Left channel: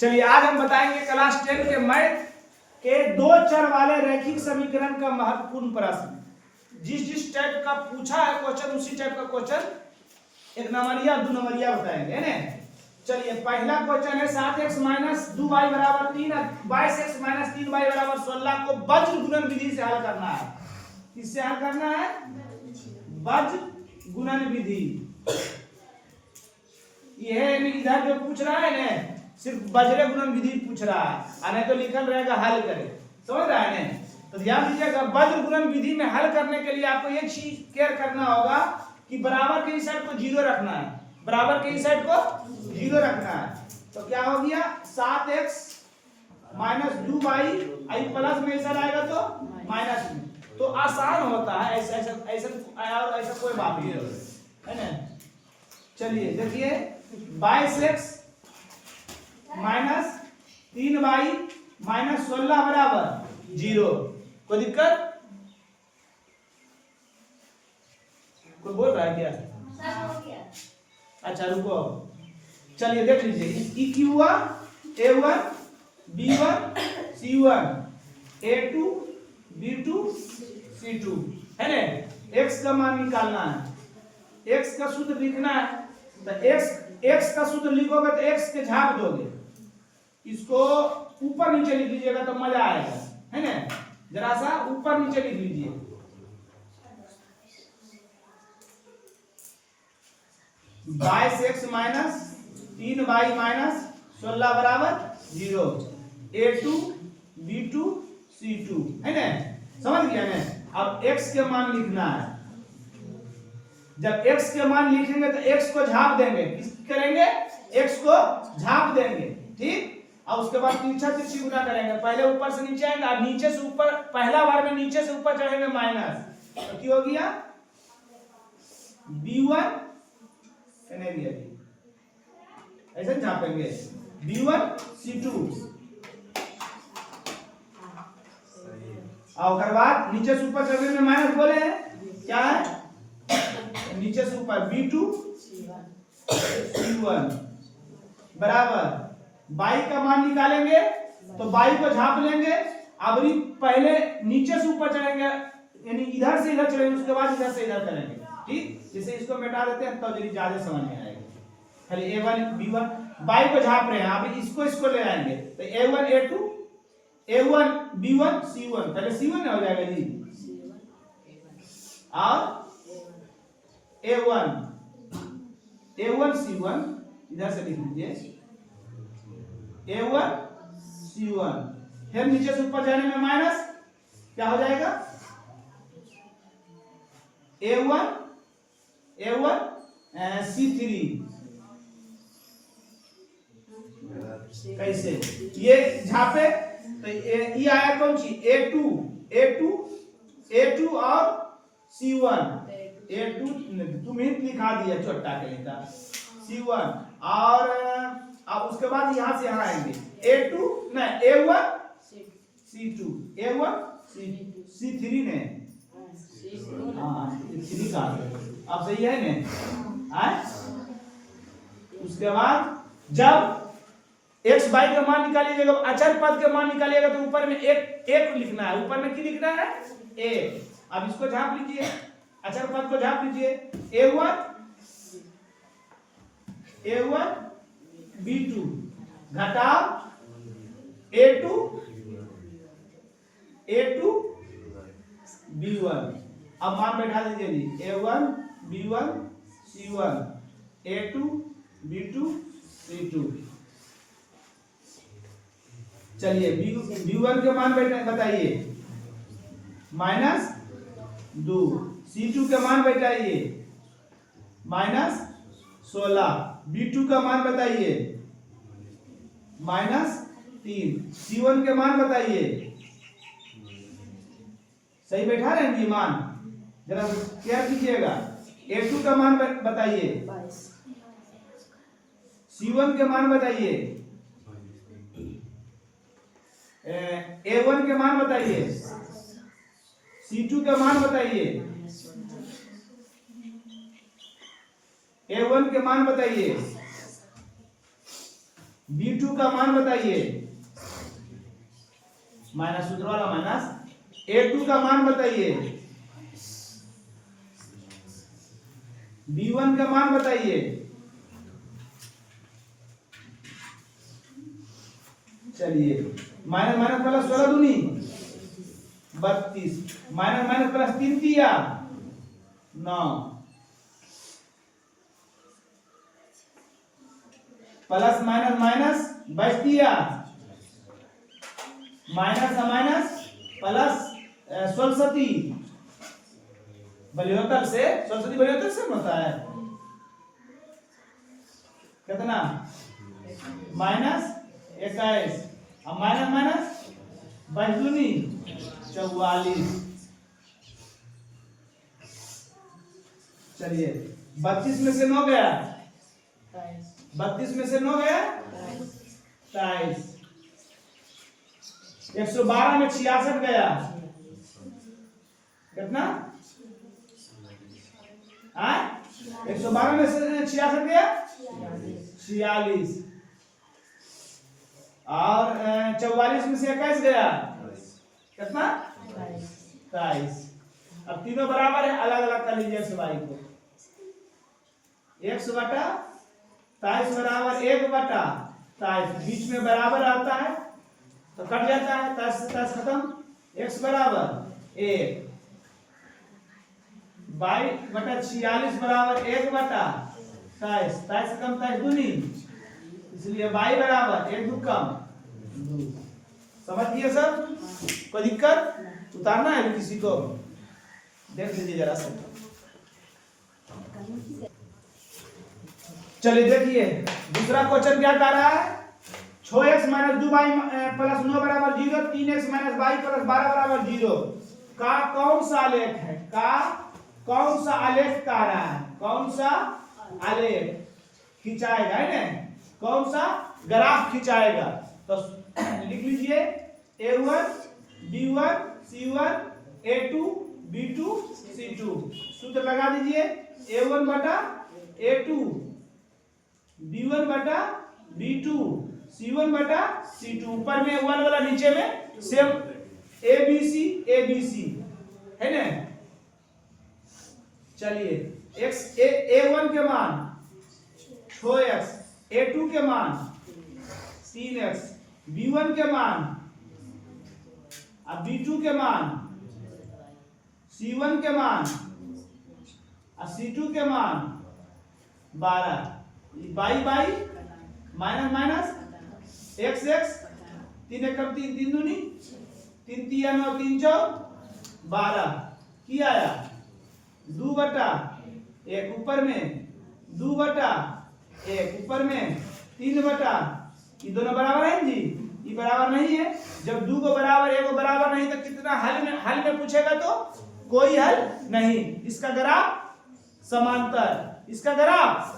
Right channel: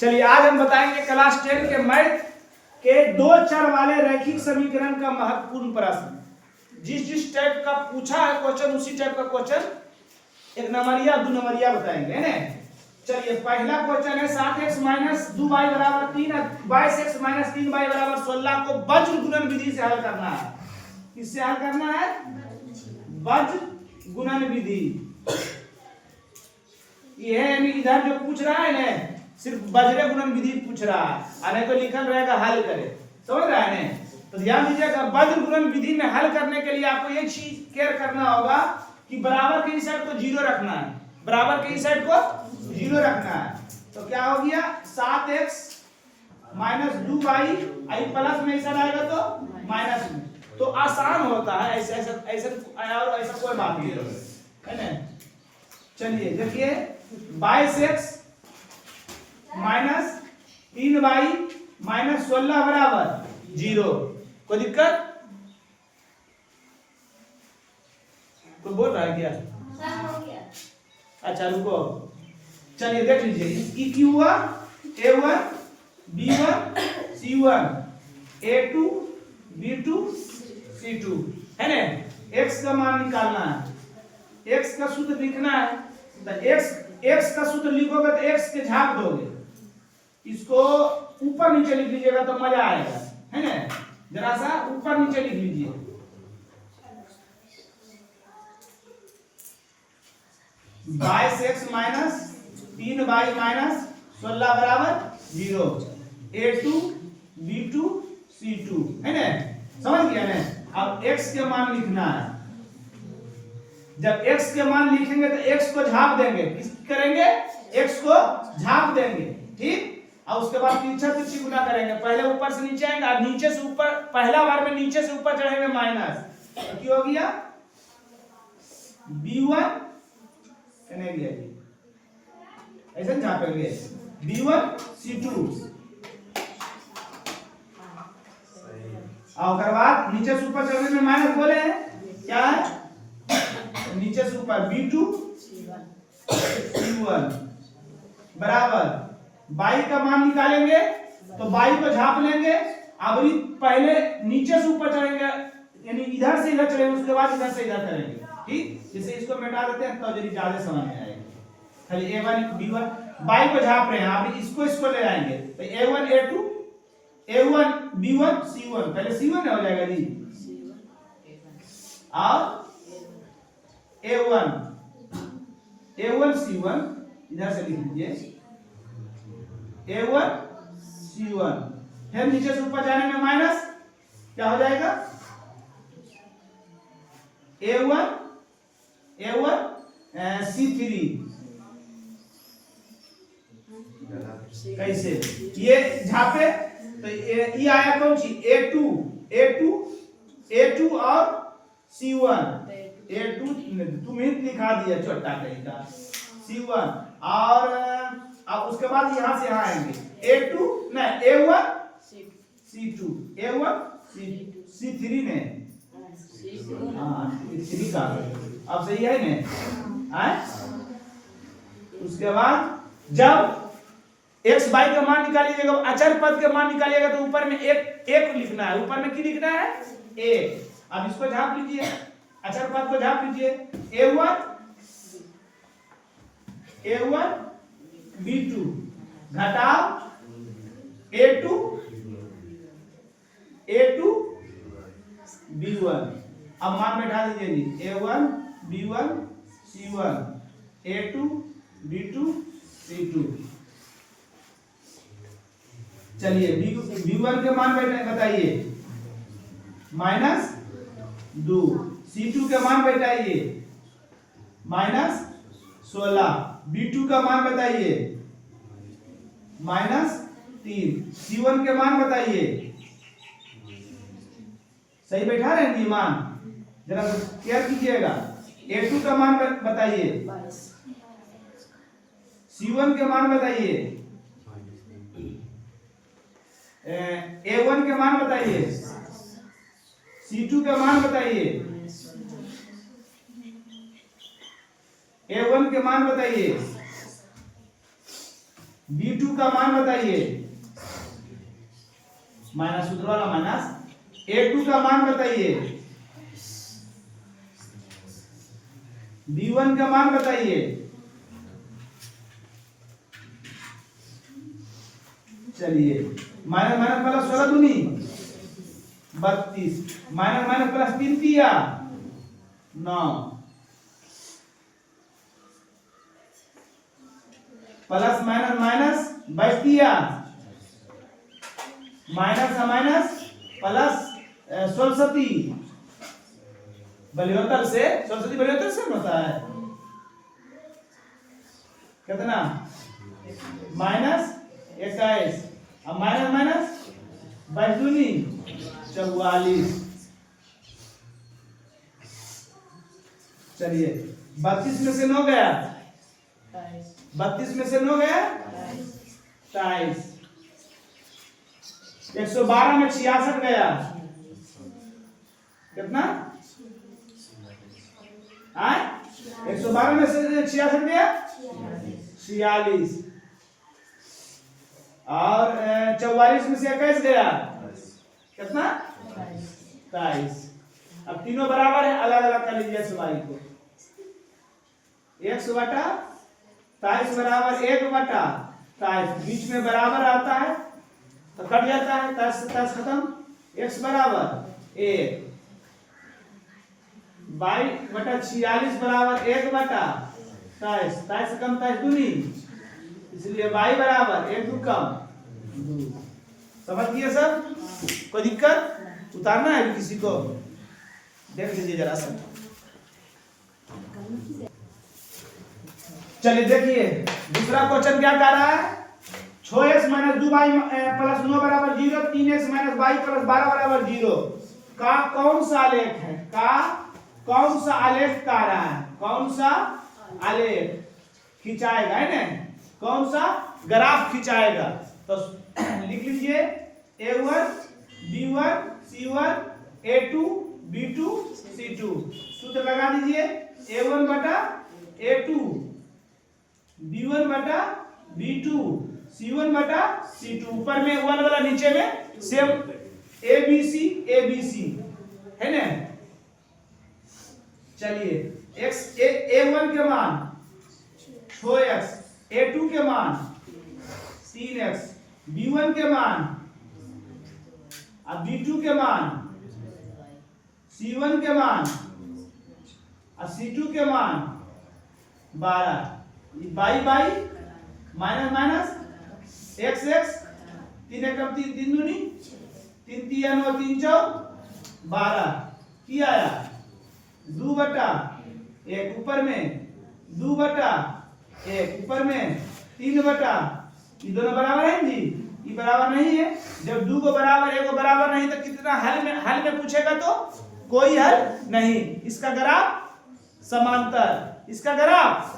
चलिए आज हम बताएंगे क्लास 10 के मैथ के दो चर वाले रैखिक समीकरण का महत्वपूर्ण प्रश्न। जिस टाइप का पूछा है क्वेश्चन उसी टाइप का क्वेश्चन एक नंबरिया दो नंबरिया बताएंगे, है ना। चलिए पहला क्वेश्चन है 7x माइनस 2y बराबर 3 22x माइनस 3y बराबर 16 को वज्र गुणन विधि से हल करना है। किससे हल करना है? वज्र गुणन विधि। ये है यानी इधर जो पूछ रहा है ना सिर्फ वज्र गुणन विधि पूछ रहा है, और नहीं तो लिखल रहेगा हल करे। समझ रहा है ना? तो ध्यान दीजिएगा, वज्र गुणन विधि में हल करने के लिए आपको ये चीज केयर करना होगा कि बराबर के इस साइड को जीरो रखना है, बराबर के इस साइड को जीरो रखना है। तो क्या हो गया 7x माइनस 2y आई प्लस में इधर आएगा तो माइनस में, तो आसान होता है। ऐसा ऐसा ऐसा और ऐसा कोई बात नहीं है ना। चलिए देखिए 22x माइनस 3y माइनस 16 बराबर 0। कोई दिक्कत? कोई बोल रहा है क्या? अच्छा रुको, चलिए देख लीजिए। ई क्यू हुआ A1 B1 C1 A2 B2 C2, है ना। x का मान निकालना है, x का सूत्र लिखना है। तो x का सूत्र लिखोगे तो x के झाप दोगे, इसको ऊपर नीचे लिख लीजिएगा तो मजा आएगा, है ना। जरा सा ऊपर नीचे लिख लीजिए। बाईस एक्स माइनस 3y माइनस 16 बराबर 0 A2 B2 C2, है ना। समझ गया ना। अब x के मान लिखना है। जब x के मान लिखेंगे तो x को झाप देंगे। किस करेंगे? x को झाप देंगे, ठीक। और उसके बाद तिरछा तिरछी गुना करेंगे। पहले ऊपर से नीचे आएंगे और नीचे से ऊपर, पहला बार में नीचे से ऊपर चढ़ेंगे माइनस, तो क्या हो गया B1 नहीं दिया जी, ऐसे झापेंगे B1 C2, और बाद नीचे से ऊपर चढ़ने में माइनस बोले हैं, क्या है? नीचे से ऊपर B2 C1 बराबर बाई का मान निकालेंगे तो बाई को झाप लेंगे। अब पहले नीचे से ऊपर चढ़ेंगे, यानी इधर से इधर चढ़ेंगे, उसके बाद इधर से इधर करेंगे, ठीक। जैसे इसको मिटा देते हैं तो जल्दी ज्यादा समझ में आएगी। खाली A1 B1 बाई को झाप रहे हैं, अब इसको ले आएंगे तो A1 A2 A1 B1 C1, पहले C1 हो जाएगा जी, और A1 C1 इधर से लिख लीजिए A1 C1, फिर नीचे से ऊपर जाने में माइनस, क्या हो जाएगा A1 C3। कैसे ये झापे तो ये आया कौन सी A2 और C1, A2 तुम ही लिखा दिया छोटा कहीं का C1, और अब उसके बाद यहां से यहां आएंगे A2 नहीं A1 C2 A1 C3 ने, हाँ 3 का अब सही है ना। उसके बाद जब x बाई का मान निकालिएगा, अचर पद के मान निकालिएगा तो ऊपर में एक लिखना है, ऊपर में क्या लिखना है? a। अब इसको झाप लीजिए, अचर पद को झाप लीजिए A1 B2 घटाव A2 B1। अब मान बैठा दीजिए जी A1 B1 C1 A2 B2 C2। चलिए B1 के मान बताइए -2, C2 के मान बताइए -16, B2 का मान बताइए -3, C1 के मान बताइए। सही बैठा रहे हैं मान? जरा केयर कीजिएगा। A2 का मान बताइए, C1 के मान बताइए, A1 के मान बताइए, C2 के मान बताइए, A1 के मान बताइए, B2 का मान बताइए, माइनस सूत्र वाला माइनस। A2 का मान बताइए, B1 का मान बताइए। चलिए माइनस माइनस प्लस 16 दूनी 32, माइनस माइनस प्लस 3 दिया 9, प्लस माइनस माइनस 22 दिया, माइनस माइनस प्लस 16 बलियोत्तर से 16 बलियोत्तर से होता है कितना, माइनस 21, अब माइनस माइनस 22 दूनी 44। चलिए 32 में से 9 गया, 32 में से 9 गया 23, 112 में 66 गया कितना, 112 में से 66 गया 46, और 44 में से 21 गया कितना 23। अब तीनों बराबर है, अलग अलग कर लीजिए x y को, x बटा 23 बराबर 1 बटा 23, बीच में बराबर आता है तो कट जाता है, 23 खत्म, x बराबर 1, 22 बटा 46 बराबर 1 बटा 23, 23 से कम 23 दूनी, इसलिए y बराबर 1 दू कम 2। समझ गए सब? कोई दिक्कत? उतारना है किसी को? देख लीजिए जरा सा। चलिए देखिए दूसरा क्वेश्चन क्या कह रहा है, 6x माइनस 2y प्लस 9 बराबर 0, 3x माइनस y प्लस 12 बराबर 0 का कौन सा आलेख है, का कौन सा आलेख कह रहा है, कौन सा आलेख खिंचाएगा है ना, कौन सा ग्राफ खिंचाएगा, तो लिख लीजिए A1 B1 C1 A2 B2 C2, सूत्र लगा दीजिए A1 बटा A2 B1 बटा B2 C1 बटा C2, ऊपर में 1 वाला नीचे में सेम ABC है ना। चलिए A1 के मान 6x, A2 के मान 3x, B1 के मान अब B2 के मान, C1 के मान और C2 के मान 12, by by minus minus x x, 3 एकम 3 3 दूनी 3 3 9 3 4 12, की आया 2 बटा 1 ऊपर में 2 बटा 1 ऊपर में 3 बटा, ये दोनों बराबर है जी, ये बराबर नहीं है, जब 2 को बराबर 1 को बराबर नहीं तो कितना हल में पूछेगा तो कोई हल नहीं, इसका ग्राफ समांतर, इसका ग्राफ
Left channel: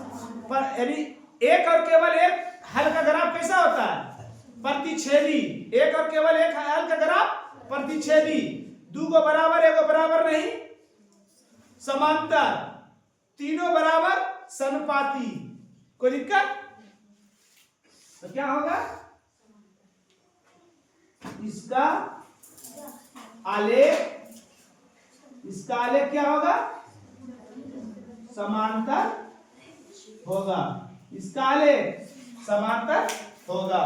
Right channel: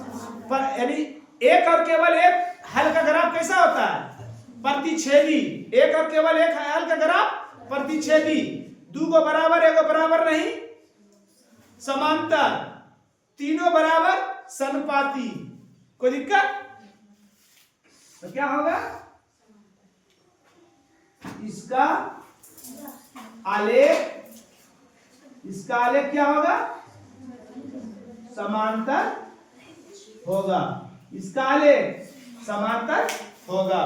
पर यानी एक और केवल एक हल का ग्राफ कैसा होता है, प्रतिच्छेदी, एक और केवल एक हल का ग्राफ प्रतिच्छेदी, 2 को बराबर 1 को बराबर नहीं, समांतर, तीनों बराबर सनुपाती, कोई दिक्कत? तो क्या होगा, इसका आलेख क्या होगा, समांतर होगा, इसका आलेख समांतर होगा,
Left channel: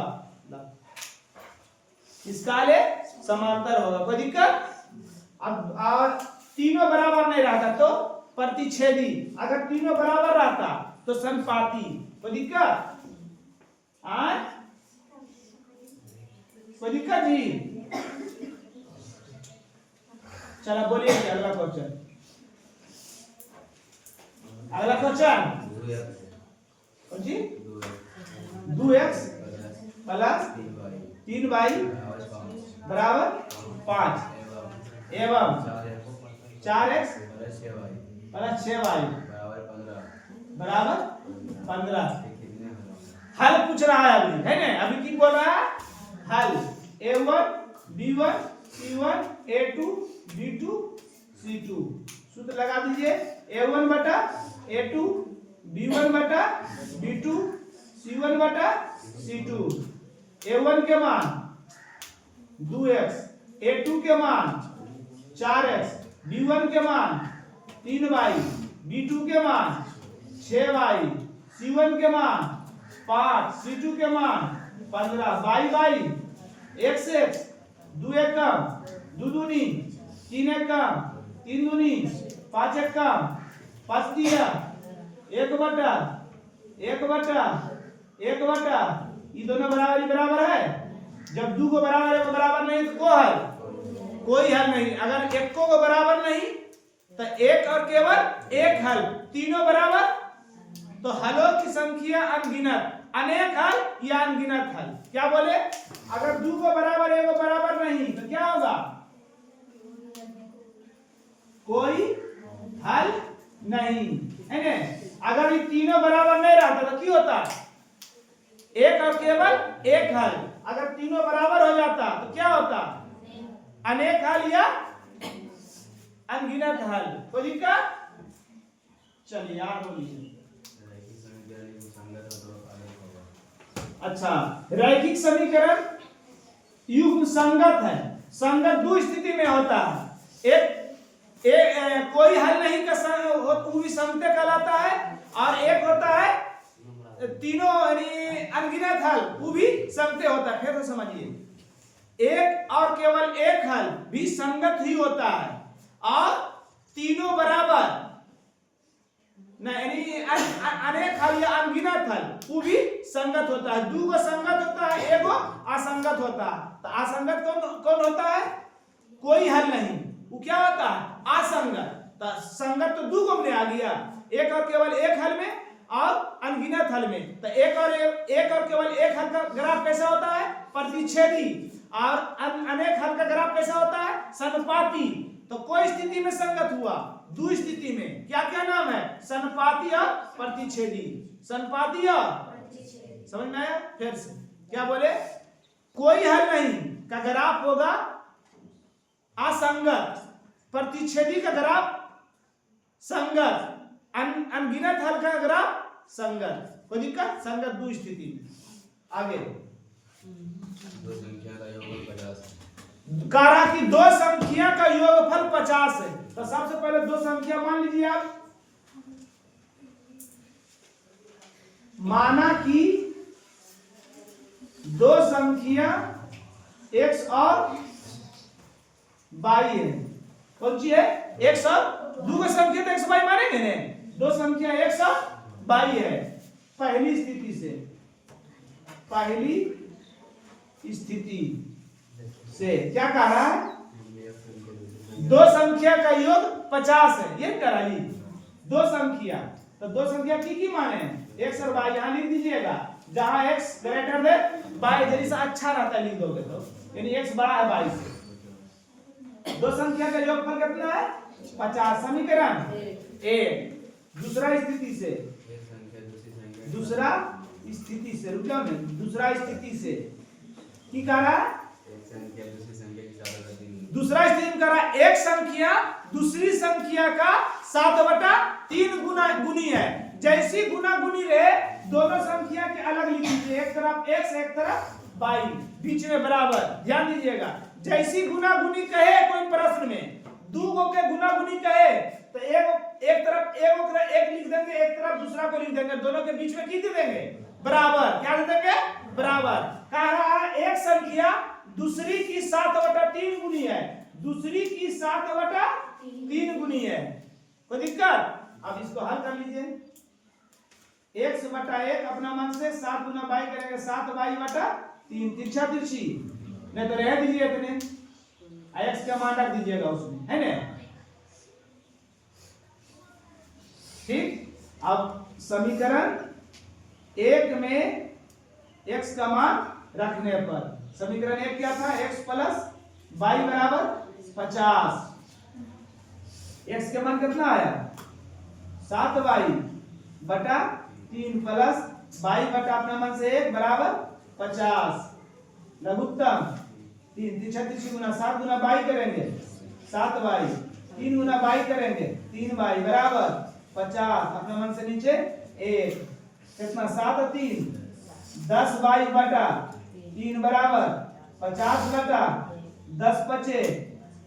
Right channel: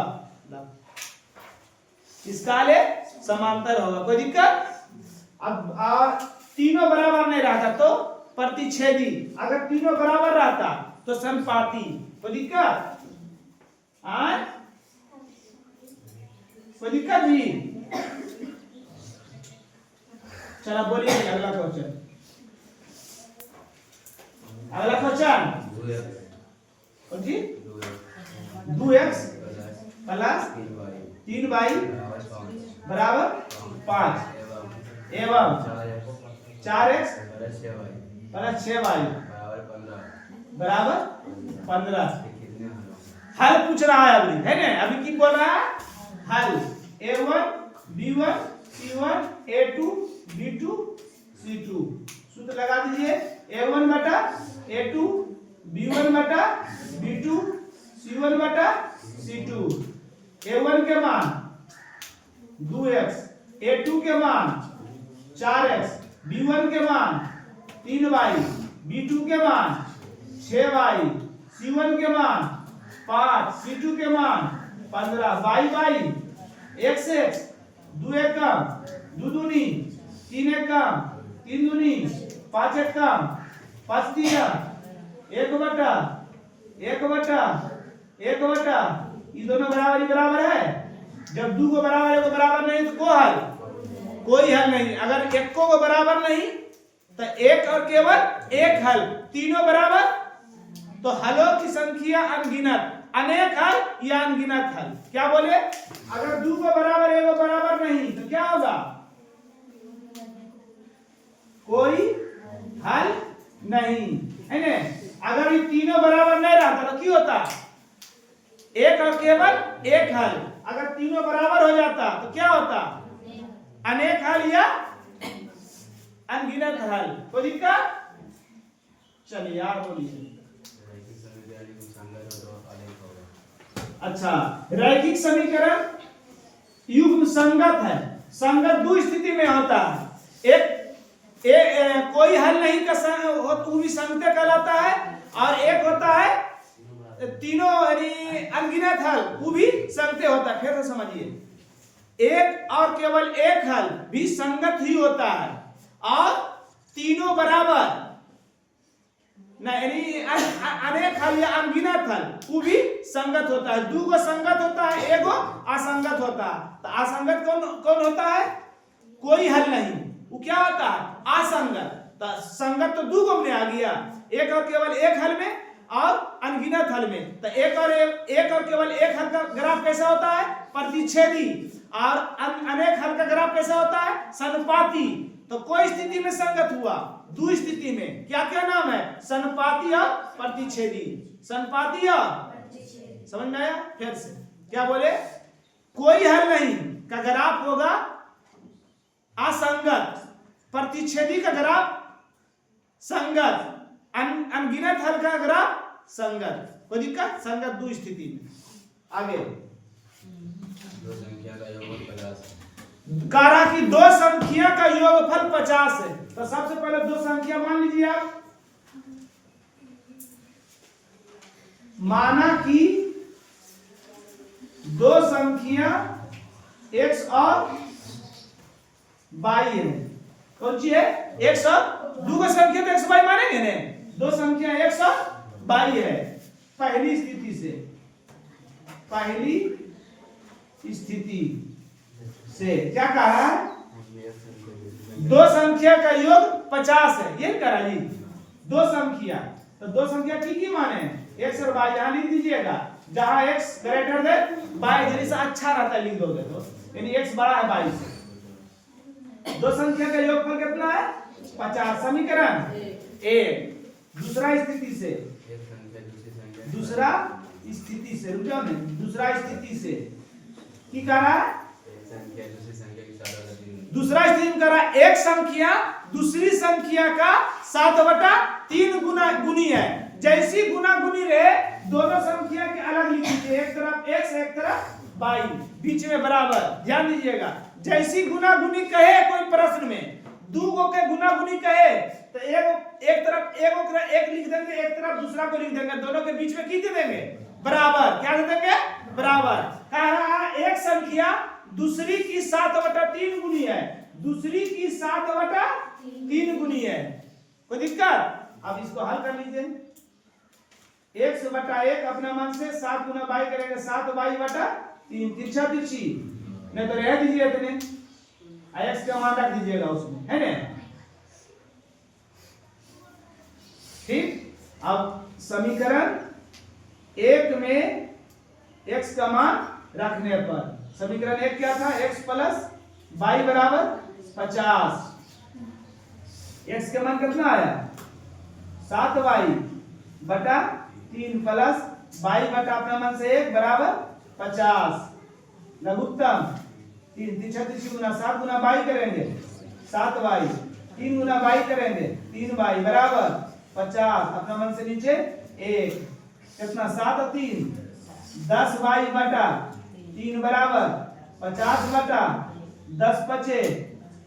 इसका आलेख समांतर होगा, कोई दिक्कत? अब और तीनों बराबर नहीं रहता तो प्रतिच्छेदी, अगर तीनों बराबर रहता तो सनुपाती, कोई दिक्कत? कोई दिक्कत जी? चलो बोलिए अगला क्वेश्चन, अगला क्वेश्चन कौन जी, 2x प्लस 3y बराबर 5 एवं 4x प्लस 6y बराबर 15, हल पूछ रहा है अभी, है ना, अभी की बोल रहा है हल, A1 B1 C1 A2 B2 C2, सूत्र लगा दीजिए A1 बटा A2 B1 बटा B2 C1 बटा C2। A1 के मान 2x, A2 के मान 4x, B1 के मान 3y, B2 के मान 6y, C1 के मान 5, C2 के मान 15, y x x, 2 एकम 2 दूनी, 3 एकम 3 दूनी, 5 एकम 5 दिया, 1 बटा 1 बटा 1 बटा, ये दोनों बराबर है। जब दो को बराबर है को बराबर नहीं तो कोई हल नहीं। अगर एक को बराबर नहीं तो एक और केवल एक हल, तीनों बराबर तो हलों की संख्या अनगिनत, अनेक हल या अनगिनत हल। क्या बोले? अगर दो को बराबर है वो बराबर नहीं तो क्या होगा? कोई हल नहीं है ना। अगर ये तीनों बराबर नहीं रहता तो क्या होता? एक और केवल एक हल। अगर तीनों बराबर हो जाता तो क्या होता? अनेक हल या अनगिनत हल। कोई दिक्कत? चलिए यार बोलिए। अच्छा, रैखिक समीकरण युग्म संगत है। संगत दो स्थिति में होता है। कोई हल नहीं का वो भी संगत कहलाता है, और एक होता है तीनों यानी अनगिनत हल, वो भी संगत होता है। फिर से समझिए, एक और केवल एक हल भी संगत ही होता है, और तीनों बराबर यानी अनेक हल या अनगिनत हल वो भी संगत होता है। दो को संगत होता है, एक को असंगत होता है। तो असंगत कौन होता है? कोई हल नहीं, वो क्या होता है? असंगत। तो संगत तो दो को में आ गया, एक और केवल एक हल में और अनगिनत हल में। तो एक और केवल एक हल का ग्राफ कैसा होता है? प्रतिच्छेदी। और अनेक हल का ग्राफ कैसा होता है? सनुपाती। तो कोई स्थिति में संगत हुआ, दो स्थिति में क्या क्या नाम है? सनुपाती और प्रतिच्छेदी। सनुपाती और समझ में आया? फिर से क्या बोले? कोई हल नहीं का ग्राफ होगा असंगत, प्रतिच्छेदी का ग्राफ संगत, अनगिनत हल का ग्राफ संगत। कोई दिक्कत? संगत दो स्थिति में। आगे दो संख्या का योगफल 50 है। कहा कि दो संख्या का योगफल 50 है। तो सबसे पहले दो संख्या मान लीजिए आप। माना कि दो संख्या x और y है। कौन सी है? x और दो का संख्या तो x y मानेंगे ने। दो संख्या x और y है। पहली स्थिति से, पहली स्थिति से क्या कहा है? दो संख्या का योग 50 है। ये करा जी दो संख्या। तो दो संख्या की माने x और y, यहां लिख दीजिएगा। जहां x ग्रेटर देन y, इधर से अच्छा रहता है लिख दोगे तो, यानी x बड़ा है y से। दो संख्या का योगफल कितना है? 50। समीकरण एक। दूसरा स्थिति से, दूसरा स्थिति से रुक जाओ ना। दूसरा स्थिति से की कह रहा है? दूसरा स्थिति में कह रहा है एक संख्या दूसरी संख्या का 7/3 गुना गुनी है। जैसी गुना गुनी रहे दोनों संख्या के अलग लिख लीजिए, एक तरफ x एक तरफ y, बीच में बराबर। ध्यान दीजिएगा, जैसी गुना गुनी कहे कोई प्रश्न में, दो गो के गुना गुनी कहे तो एक तरफ एक लिख देंगे, एक तरफ दूसरा को लिख देंगे, दोनों के बीच में की दे देंगे? बराबर। क्या दे देंगे? बराबर। कह रहा है एक संख्या दूसरी की 7/3 गुनी है, दूसरी की 7/3 गुनी है। कोई दिक्कत? अब इसको हल कर लीजिए। x/1 अपना मन से 7 गुना y करेंगे, 7y/3। तिरछा तिरछी नहीं तो रह दीजिए इतने, x का मान रख दीजिएगा उसमें, है ना? ठीक। अब समीकरण एक में x का मान रखने पर समीकरण एक क्या था? x प्लस y बराबर 50। x के मान कितना आया? 7y/3 प्लस y बटा अपना मान से 1 बराबर 50। लघुत्तम 3 तिरछा तिरछी गुना 7 गुना y करेंगे 7y, 3 गुना y करेंगे 3y बराबर 50। अपना मन से नीचे 1, कितना? 7 और 3 10 बाई बटा 3 बराबर 50 बटा 10 बचे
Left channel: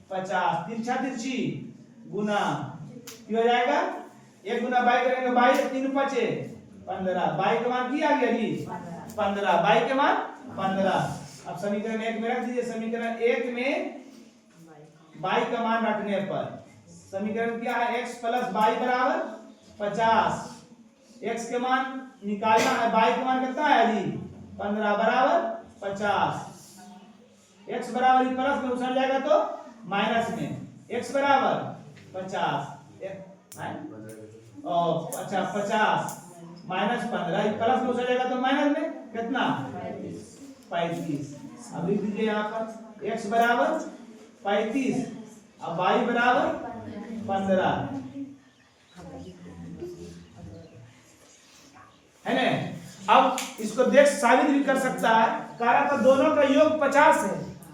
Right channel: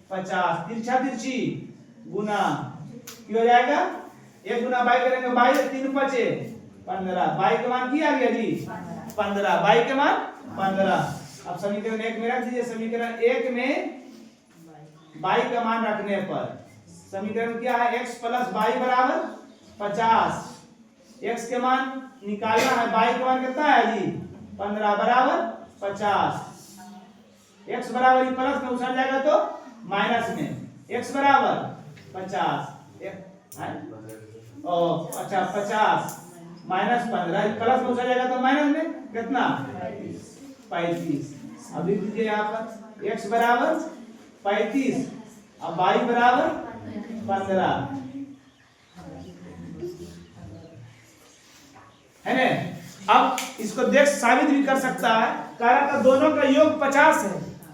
50, तिरछा तिरछी गुना की हो जाएगा, 1 गुना बाई करेंगे बाई, 3 बचे 15, बाई का मान क्या आ गया जी 15, बाई के मान 15। अब समीकरण 1 में रख दीजिए। समीकरण 1 में बाई का मान रखने पर समीकरण क्या है, x प्लस बाई बराबर 50, x के मान निकालना है, बाई का मान कितना है जी 15 बराबर 50, x बराबर प्लस में उछल जाएगा तो माइनस में, x बराबर 50 अच्छा 50 माइनस 15, प्लस में उछल जाएगा तो माइनस में कितना 35। अब लिख दीजिए यहाँ पर x बराबर 35 अब y बराबर 15 है ना। अब इसको देख साबित भी कर सकता है, कह रहा था दोनों का योग 50 है,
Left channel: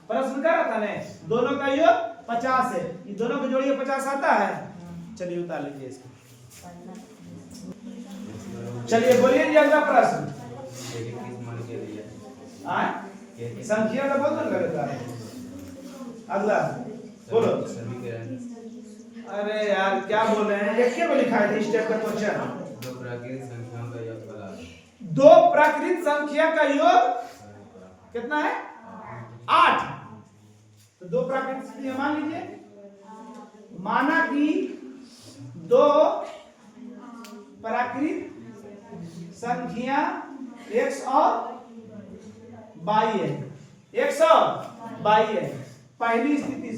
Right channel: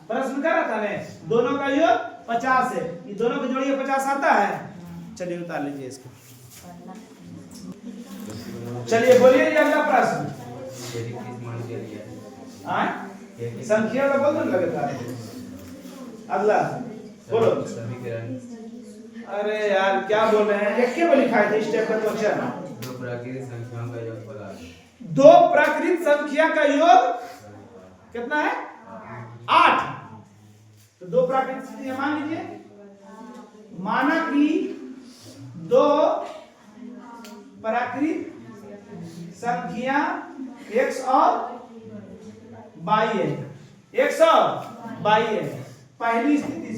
प्रश्न कर रहा था ना दोनों का योग 50 है, ये दोनों का जोड़िए 50 आता है। चलिए उतार लीजिए इसको। चलिए बोलिए अगला प्रश्न। संख्या का बोल दो लगता है। अगला बोलो। अरे यार क्या बोल रहे हैं, एक को लिखा है इस टाइप का क्वेश्चन। दो प्राकृत संख्या का योग कितना है 8। तो दो प्राकृत संख्या मान लीजिए, माना कि दो प्राकृत संख्या x और y है, x और y है। पहली स्थिति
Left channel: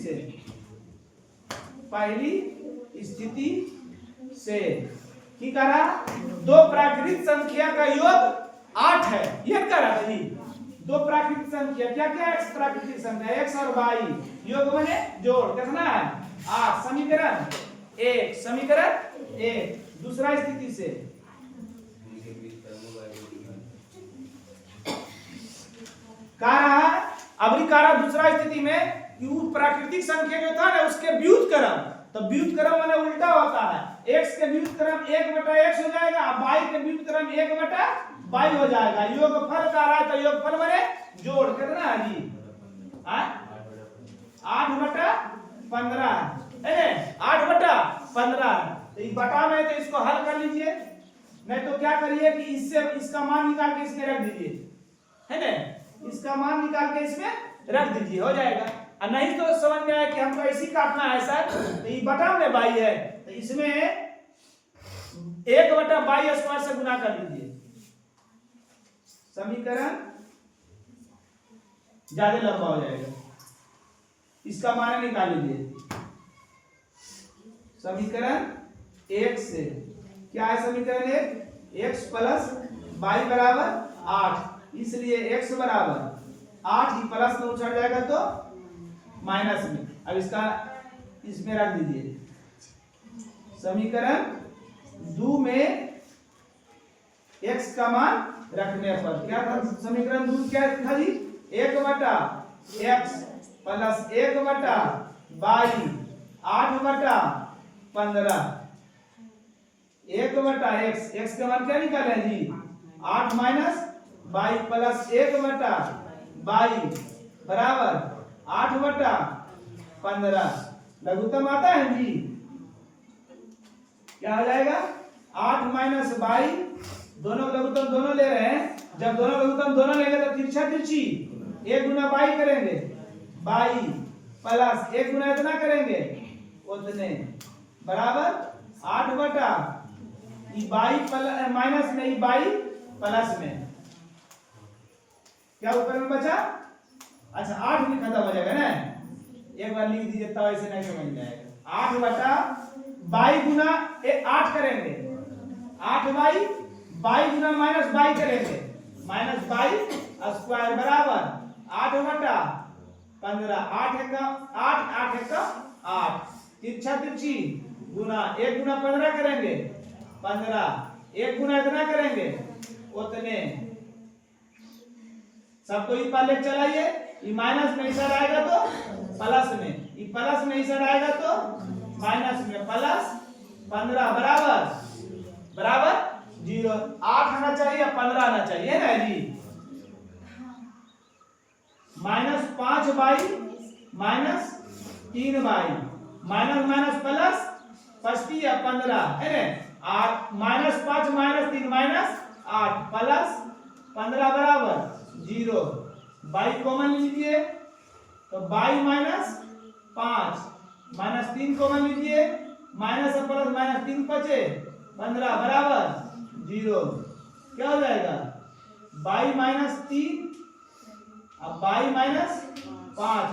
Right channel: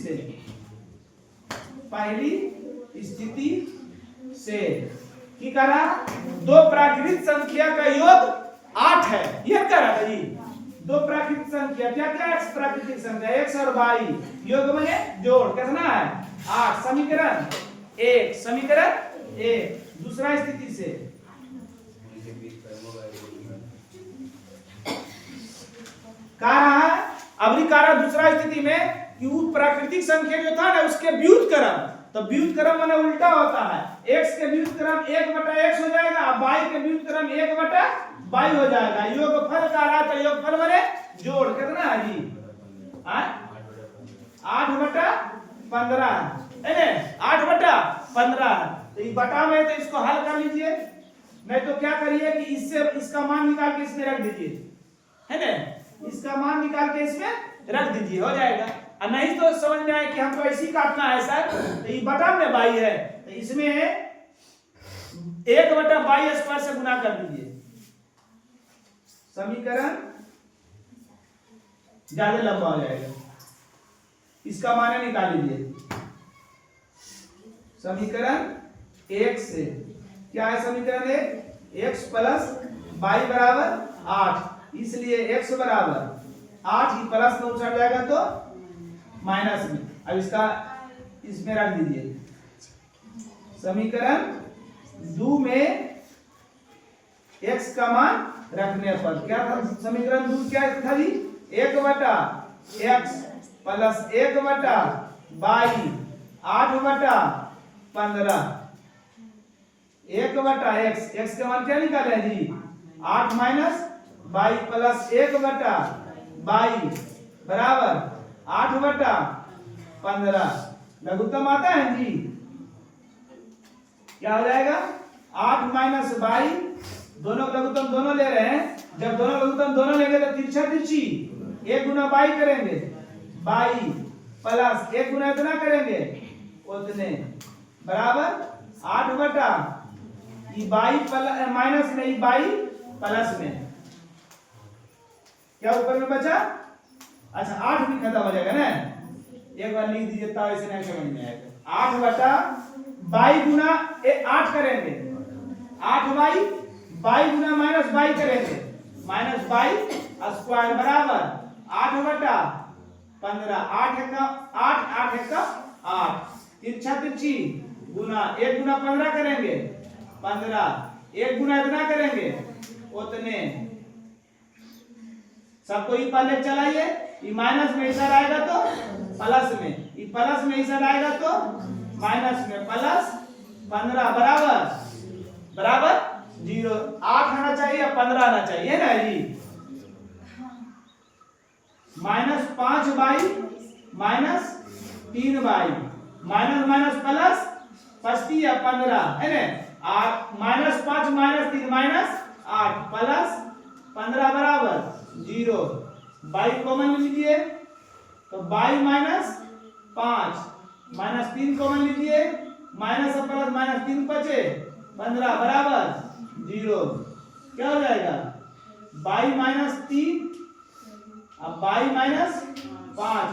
से की करा, दो प्राकृत संख्या का योग 8 है, यह कह रहा था जी। दो प्राकृत संख्या क्या क्या है, x प्राकृतिक संख्या x और y योग बने जोड़ कितना है 8। समीकरण 1, समीकरण 1। दूसरा स्थिति से कह रहा है, अभी कह रहा दूसरा स्थिति में कि वो प्राकृतिक संख्या जो था ना उसके व्युत्क्रम, तो व्युत्क्रम माने उल्टा होता है, x के व्युत्क्रम 1/x हो जाएगा, y के व्युत्क्रम 1/y हो जाएगा। योगफल का रहा था, योगफल माने जोड़ कितना है जी 8/15 है, 8/15। तो ये बटा में तो इसको हल कर लीजिए, नहीं तो क्या करिए कि इससे इसका मान निकाल के इसमें रख दीजिए, है ना, इसका मान निकाल के इसमें रख दीजिए हो जाएगा। और नहीं तो समझ में आए कि हमको ऐसी काटना है सर, तो ये बटा में बाई है तो इसमें 1/y² से गुना कर दीजिए, समीकरण ज्यादा लंबा हो जाएगा। इसका मान निकाल लीजिए समीकरण 1 से। क्या है समीकरण 1, x प्लस y बराबर 8, इसलिए x बराबर 8 ही प्लस में उछल जाएगा तो माइनस में। अब इसका इसमें रख दीजिए, समीकरण 2 में x का मान रखने पर क्या था, समीकरण 2 क्या था जी 1/x plus 1/y 8/15 1/x, x का मान क्या निकाले जी 8 माइनस y प्लस 1/y बराबर 8/15। लघुत्तम आता है जी, क्या हो जाएगा 8 माइनस y, दोनों लघुत्तम दोनों ले रहे हैं, जब दोनों लघुत्तम दोनों लेंगे तो तिरछा तिरछी 1 गुना y करेंगे, y प्लस 1 गुना इतना करेंगे उतने बराबर 8 y माइनस में y प्लस में, क्या ऊपर में बचा, अच्छा 8 भी खत्म हो जाएगा ना, एक बार लिख दीजिए तो ऐसे नहीं समझ में आएगा। 8 गुना 8 करेंगे, 8y गुना माइनस y करेंगे, माइनस y स्क्वायर बराबर 8/15, 8 तिरछा तिरछी गुना 1 गुना 15 करेंगे 15, 1 गुना इतना करेंगे उतने, सबको ई पाले चलाइए, ये माइनस में इधर आएगा तो प्लस में, ये प्लस में इधर आएगा तो माइनस में, प्लस 15 बराबर 0। 8 आना चाहिए या 15 आना चाहिए ना जी, -5y -3y minus minus plus 25 या 15 है ना। और -5 -3 -8 प्लस 15 बराबर 0। y कॉमन लीजिए तो y -5 -3 कॉमन लीजिए, माइनस और प्लस -3 बचे 15 बराबर 0। क्या हो जाएगा y -3 अब y -5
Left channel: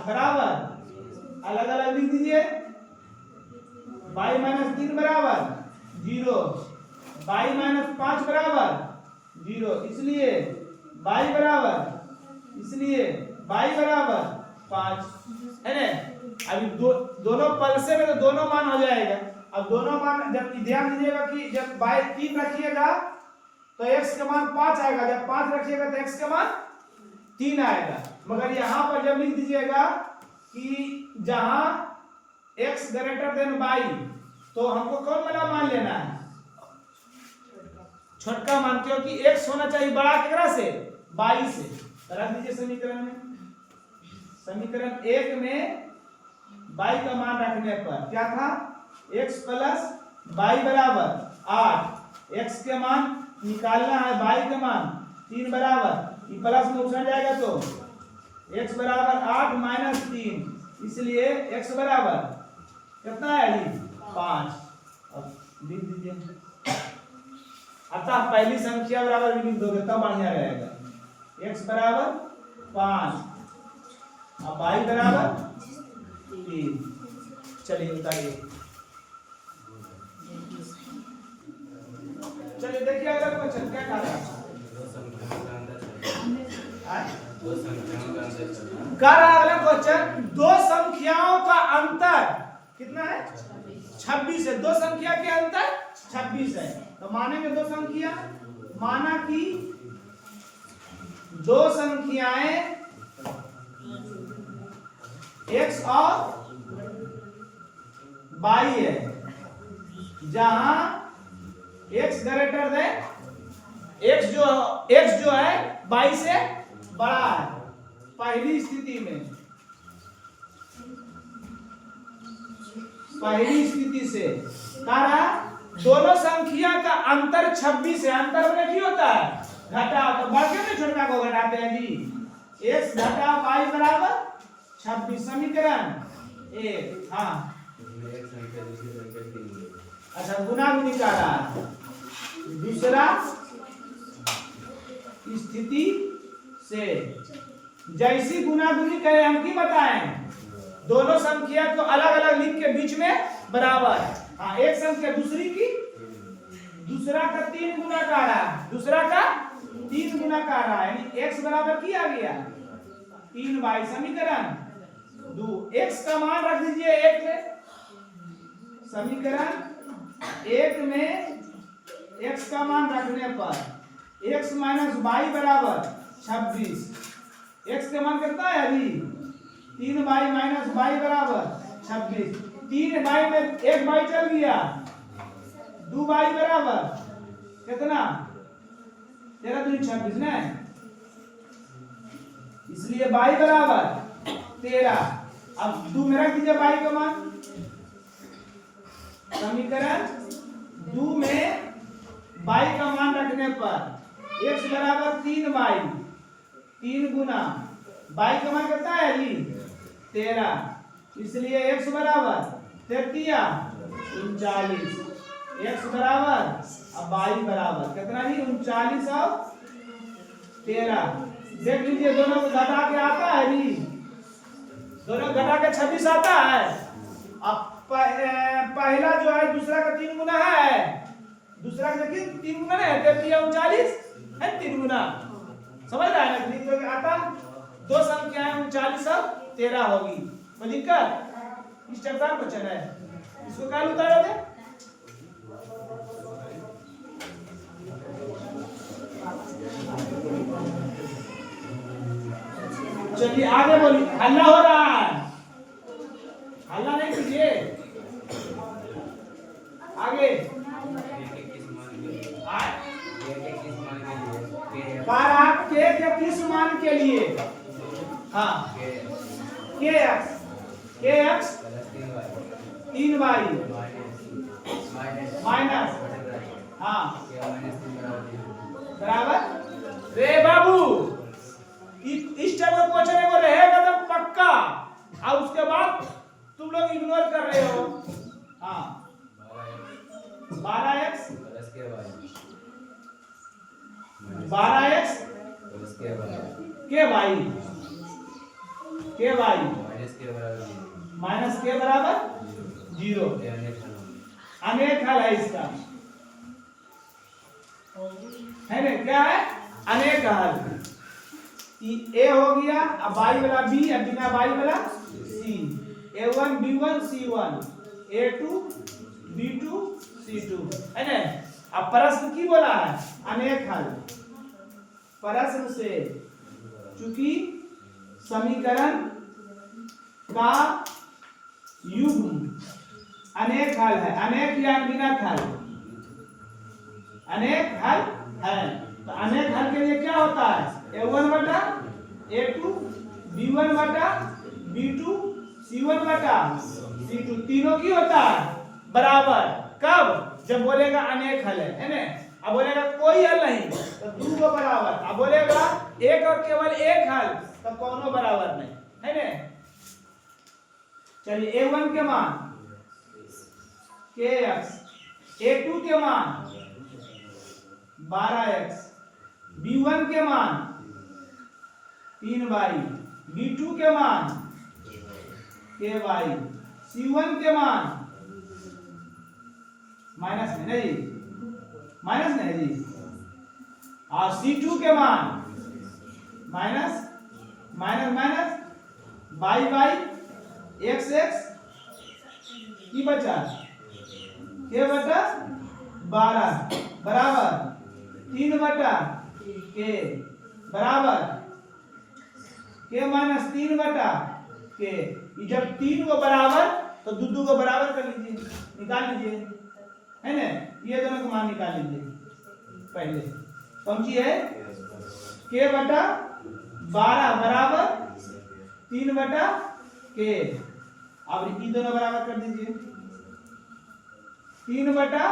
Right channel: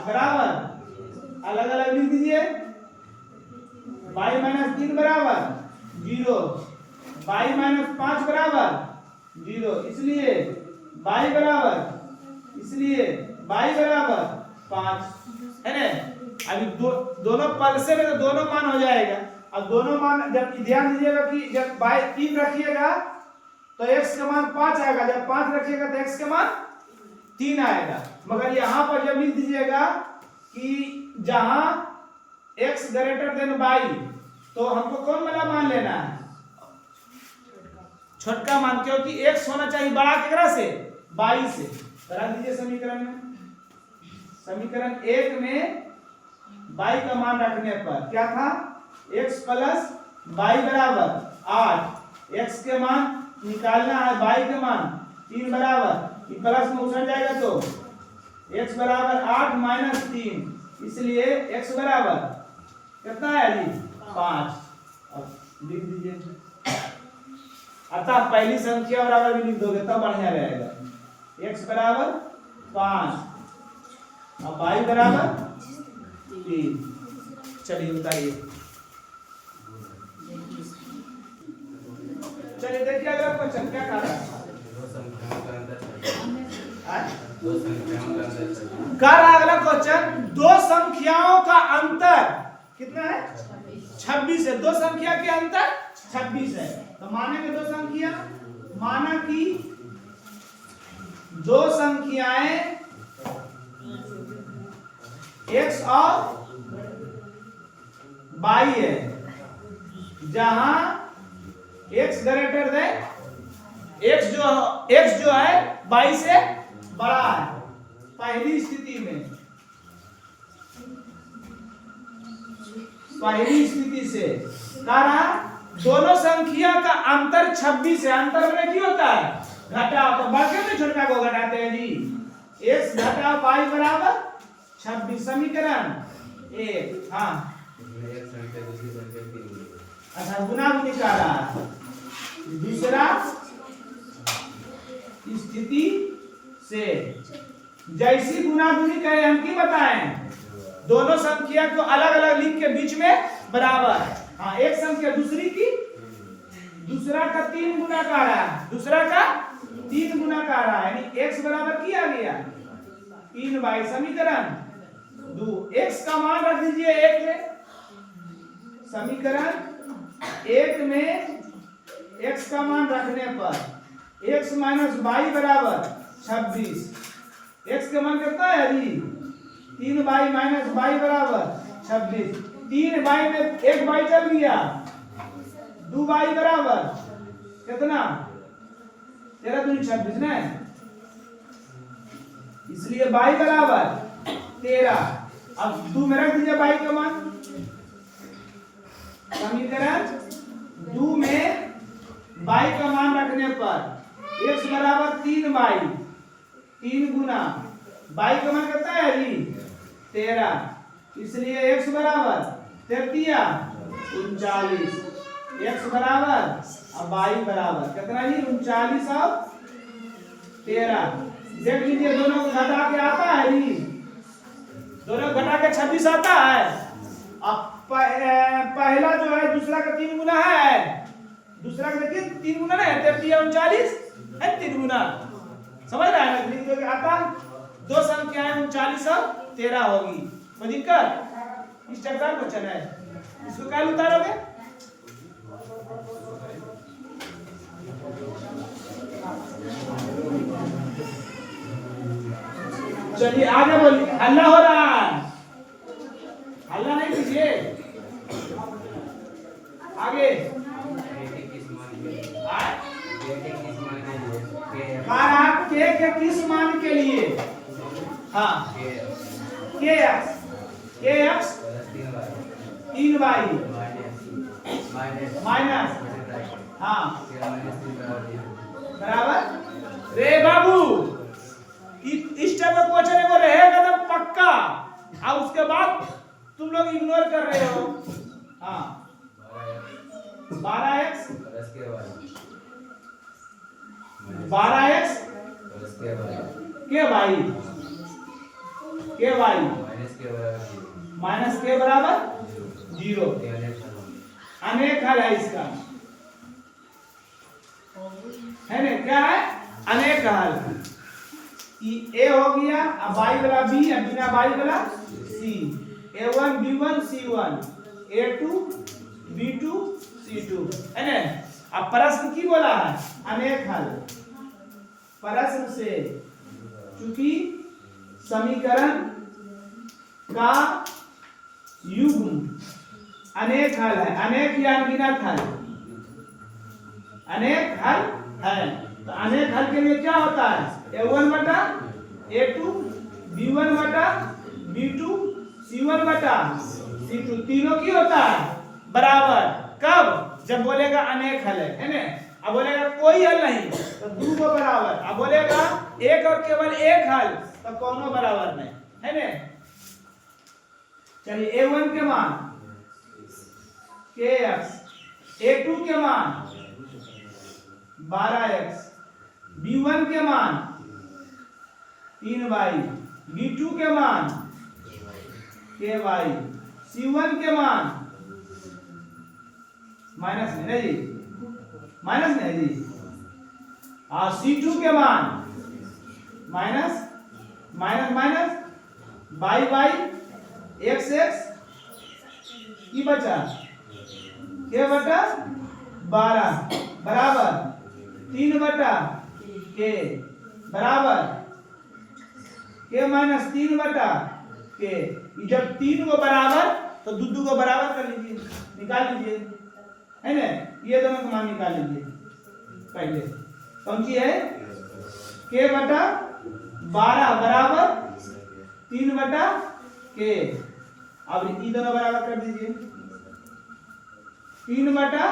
बराबर अलग अलग लिख दीजिए, y -3 बराबर 0, y -5 बराबर 0, इसलिए y बराबर 5 है ना। अभी दोनों पद से में तो दोनों मान हो जाएगा। अब दोनों मान जब ध्यान दीजिएगा कि जब y 3 रखिएगा तो x का मान 5 आएगा, जब 5 रखिएगा तो x का मान 3 आएगा। मगर यहाँ पर जब लिख दीजिएगा कि जहां x ग्रेटर देन y तो हमको कौन वाला मान लेना है, छोटका मान, क्योंकि x होना चाहिए बड़ा केकरा से y से। तो रख दीजिए समीकरण में, समीकरण 1 में y का मान रखने पर क्या था x प्लस y बराबर 8, x के मान निकालना है, y के मान 3 बराबर, ये प्लस में उछल जाएगा तो x बराबर 8 -3, इसलिए x बराबर कितना है अली 5। अब लिख दीजिए, अतः पहली संख्या बराबर भी लिख दोगे तब बढ़िया रहेगा। x बराबर 5 अब y बराबर 3। चलिए उतारिए, चलिए देखिए अगला क्वेश्चन क्या कह रहा है। कह रहा अगला क्वेश्चन, दो संख्याओं का अंतर कितना है 26 है। दो संख्या के अंतर 26 है। तो मानेंगे दो संख्या, माना कि दो संख्याएं x और y है, जहां x ग्रेटर देन x जो है y से बड़ा है। पहली स्थिति से कह रहा दोनों संख्या का अंतर 26 है। अंतर में क्या होता है घटा, तो बढ़ के छोटा को घटाते हैं जी। x घटा y बराबर 26, समीकरण 1। हाँ अच्छा, गुना गुनी का रहा दूसरा स्थिति से जैसी गुना गुनी कहे हम की बताएं, दोनों संख्या को अलग अलग लिख के बीच में बराबर। हाँ, एक संख्या दूसरा का 3 गुना का रहा है, दूसरा का 3 गुना का रहा है, यानी x बराबर किया गया 3y। समीकरण 2, x का मान रख दीजिए 1 में, समीकरण 1 में x का मान रखने पर x माइनस y बराबर 26। x का मान कितना है अभी 3y माइनस y बराबर 26। 3y में 1y चल गया, 2y बराबर कितना 13 दूनी 26 ना, इसलिए y बराबर 13। अब 2 में रख दीजिए y का मान, समीकरण 2 में y का मान रखने पर x बराबर 3y, 3 गुना y का मान कितना है जी 13, इसलिए x बराबर 39, x बराबर अब y बराबर कितना जी 39 और 13। देख लीजिए दोनों को घटा के आता है जी, दोनों घटा के 26 आता है। अब पहला जो है दूसरा का 3 गुना है, दूसरा का देखिए 3 गुना है 33 और 39 है 3 गुना, समझ रहा है ना। लिख दो आता दो संख्याएं 39 और 13 होगी। तो लिखकर इस चैप्टर क्वेश्चन है, इसको क्या उतारोगे चलिए आगे बोलिए। हल्ला हो रहा है, हल्ला नहीं कीजिए, आगे के किस मान के लिए हाँ के के x plus 3y 3y minus minus हाँ के माइनस 3 बराबर 0 बराबर। रे बाबू इस टाइप का क्वेश्चन को रहेगा तो पक्का, और उसके बाद तुम लोग इग्नोर कर रहे हो। हाँ 12x प्लस के y 12x प्लस के y के भाई माइनस के बराबर 0 माइनस के बराबर 0। ये अनेक हल अनेक हल है इसका, है ना? क्या है? अनेक हल। ए हो गया, अब बाई वाला बी, अब बिना बाई वाला सी। a1 b1 c1 a2 b2 c2, है ना? अब प्रश्न की बोला है? अनेक हल। प्रश्न से चूंकि समीकरण का युग्म अनेक हल है, अनेक या अनगिनत हल, अनेक हल है, तो अनेक हल के लिए क्या होता है? a1 बटा a2 b1 बटा b2 c1 बटा c2, तीनों की होता है बराबर। कब? जब बोलेगा अनेक हल है ना? अब बोलेगा कोई हल नहीं तो दो को बराबर, अब बोलेगा एक और केवल एक हल तो कोनो बराबर नहीं, है ना? चलिए a1 के मान kx, a2 के मान 12x, b1 के मान 3y, b2 के मान ky, c1 के मान माइनस नहीं जी, माइनस नहीं जी, और c2 के मान minus minus minus by by x x की बचा के बटा 12 बराबर 3 बटा के बराबर के माइनस 3 बटा के। जब 3 को बराबर तो दू को बराबर कर लीजिए, निकाल लीजिए, है ना? ये दोनों का मान निकाल लीजिए पहले। कौन सी है? के बटा 12 बराबर 3 बटा के। अब ये दोनों बराबर कर दीजिए, 3 बटा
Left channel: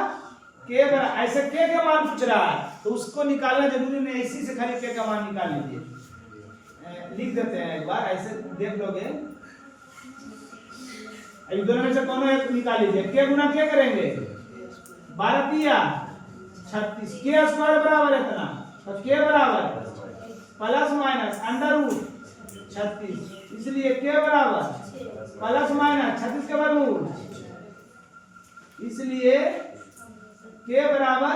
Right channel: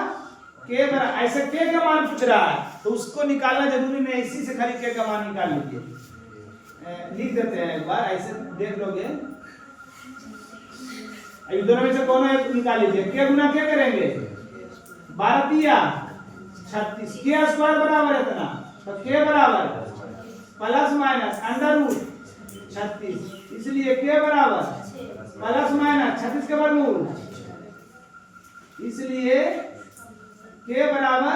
के बराबर। ऐसे के का मान पूछ रहा है तो उसको निकालना जरूरी नहीं, इसी से खाली के का मान निकाल लीजिए। लिख देते हैं एक बार, ऐसे देख लोगे। इन दोनों में से कोनो एक निकाल लीजिए। के गुना क्या करेंगे? 12 तिया 36, के स्क्वायर बराबर है इतना, तो के बराबर प्लस माइनस अंडर रूट 36, इसलिए के बराबर प्लस माइनस 36 के वर्गमूल, इसलिए के बराबर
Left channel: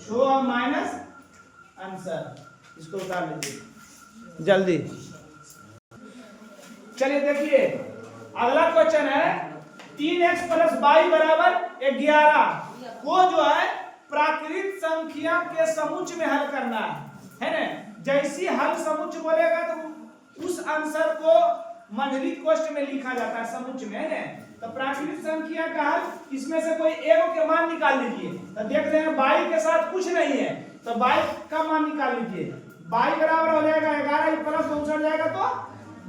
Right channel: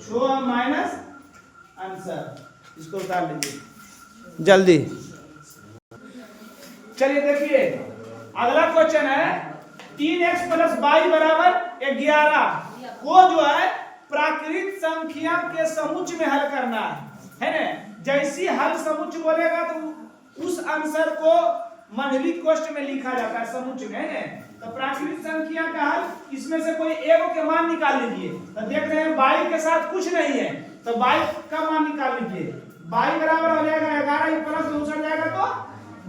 6 माइनस आंसर। इसको उतार लीजिए जल्दी। चलिए देखिए अगला क्वेश्चन है 3x प्लस वाई बराबर 11 को जो है प्राकृत संख्या के समुच्चय में हल करना है ना? जैसी हल समुच्चय बोलेगा तो उस आंसर को मंडलित कोष्ठ में लिखा जाता है, समुच्चय में, है ना? तो प्राकृत संख्या का हल इसमें से कोई एक के मान निकाल लीजिए। तो देख रहे हैं बाई के साथ कुछ नहीं है तो बाई का मान निकाल लीजिए। बाई बराबर हो जाएगा 11, प्लस में उछल जाएगा तो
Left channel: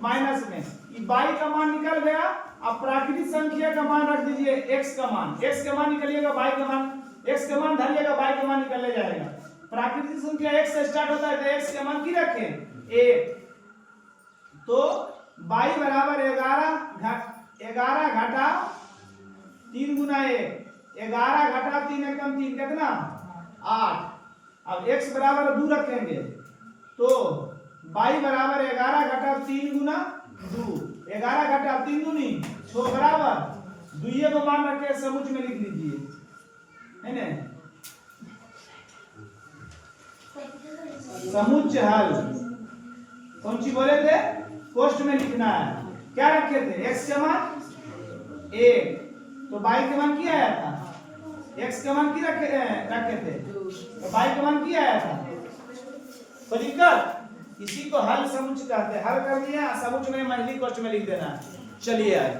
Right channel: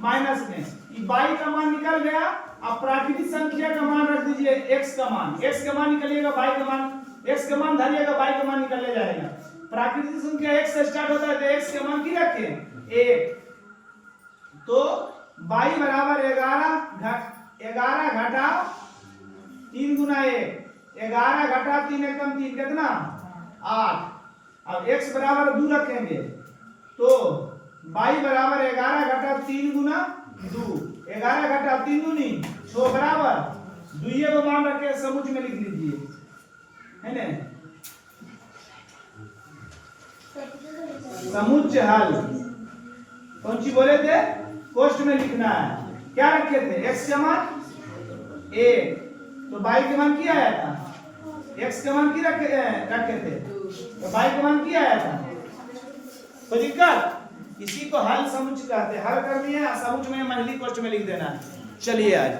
माइनस में, ये बाई का मान निकल गया। अब प्राकृतिक संख्या का मान रख दीजिए, x का मान, x का मान निकलिएगा, बाई का मान, x का मान धरिएगा, बाई का मान निकल जाएगा। प्राकृतिक संख्या x से स्टार्ट होता है तो x का मान की रखें 1, तो बाई बराबर 11 घटा 3 गुना 1, 11 घटा 3 एकम 3 कितना 8। अब x बराबर 2 रखेंगे तो बाई बराबर 11 घटा 3 गुना 2, 11 घटा 3 दूनी 6 बराबर 2 को मान रख के समुच्चय में लिख लीजिए, है ना? समुच्चय हल कौन सी बोले थे? कोष्ठ में लिखना है। क्या रखे थे? x का मान 1, तो बाई के मान क्या आया था? x का मान की रखे थे तो बाई का मान क्या आया था? कोई दिक्कत? इसी को हल समुच्चय कहते हैं। हल कर दिया, समुच्चय में मंडलित कोष्ठ में लिख देना। चलिए आगे